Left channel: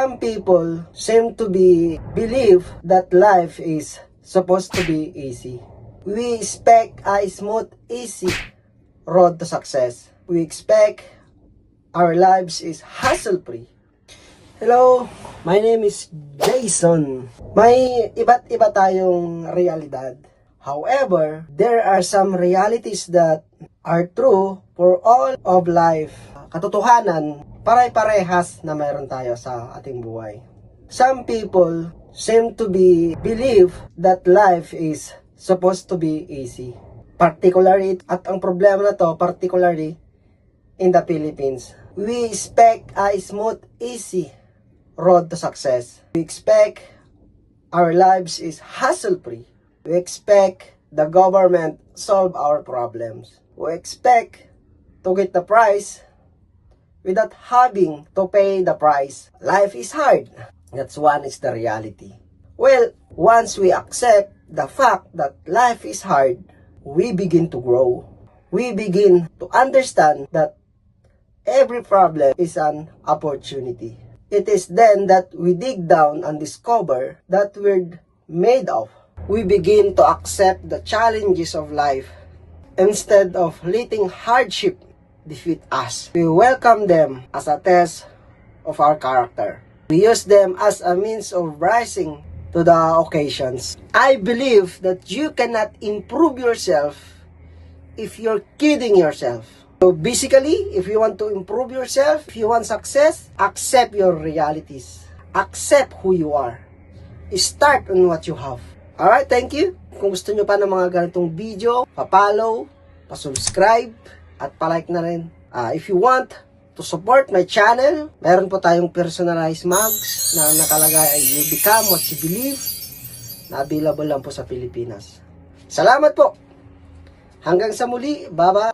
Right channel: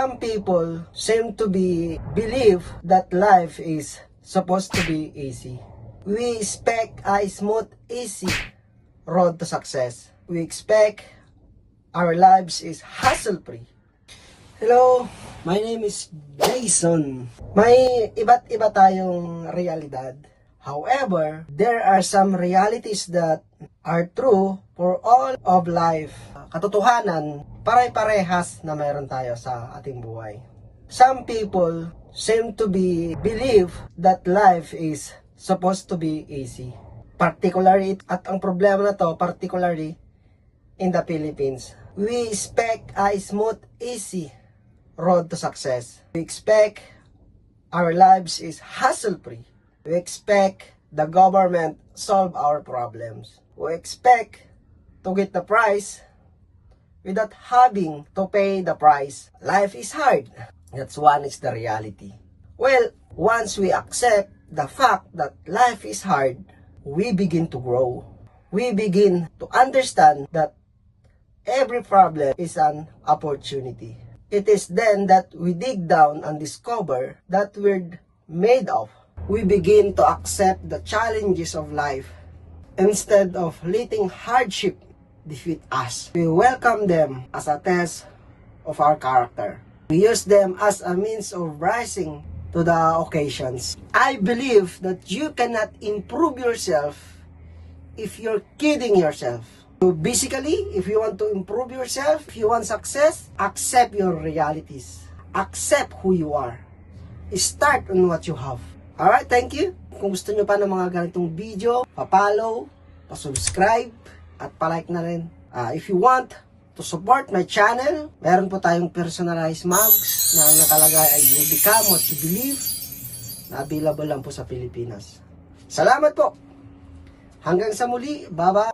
Some people seem to believe that life is supposed to be easy. We expect a smooth, easy road to success. We expect our lives is hassle-free. Hello, my name is Jason. May iba't iba tayong realidad. However, there are some realities that are true for all of life. Katotohanan, pare-parehas na meron tayo sa ating buhay. Some people seem to believe that life is supposed to be easy. Particularly, at ang problema na to, particularly in the Philippines. We expect a smooth, easy road to success. We expect our lives is hassle-free. We expect the government solve our problems. We expect to get the prize without having to pay the price. Life is hard. That's one is the reality. Well, once we accept the fact that life is hard, we begin to grow. We begin to understand that every problem is an opportunity. It is then that we dig down and discover that we're made of. We begin to accept the challenges of life instead of letting hardship defeat us. We welcome them as a test of our character. We use them as a means of rising to the occasions. I believe that you cannot improve yourself if you're kidding yourself. So basically, if you want to improve yourself, if you want success, accept your realities. Accept who you are. Start on what you have. Alright, thank you. Kung gusto nyo pa ng mga ganitong video, pa-follow, pa-subscribe, at pa-like na rin. If you want to support my channel, meron po tayong personalized mugs na nakalagay ay you become what you believe, na available lang po sa Pilipinas. Salamat po! Hanggang sa muli, bye-bye!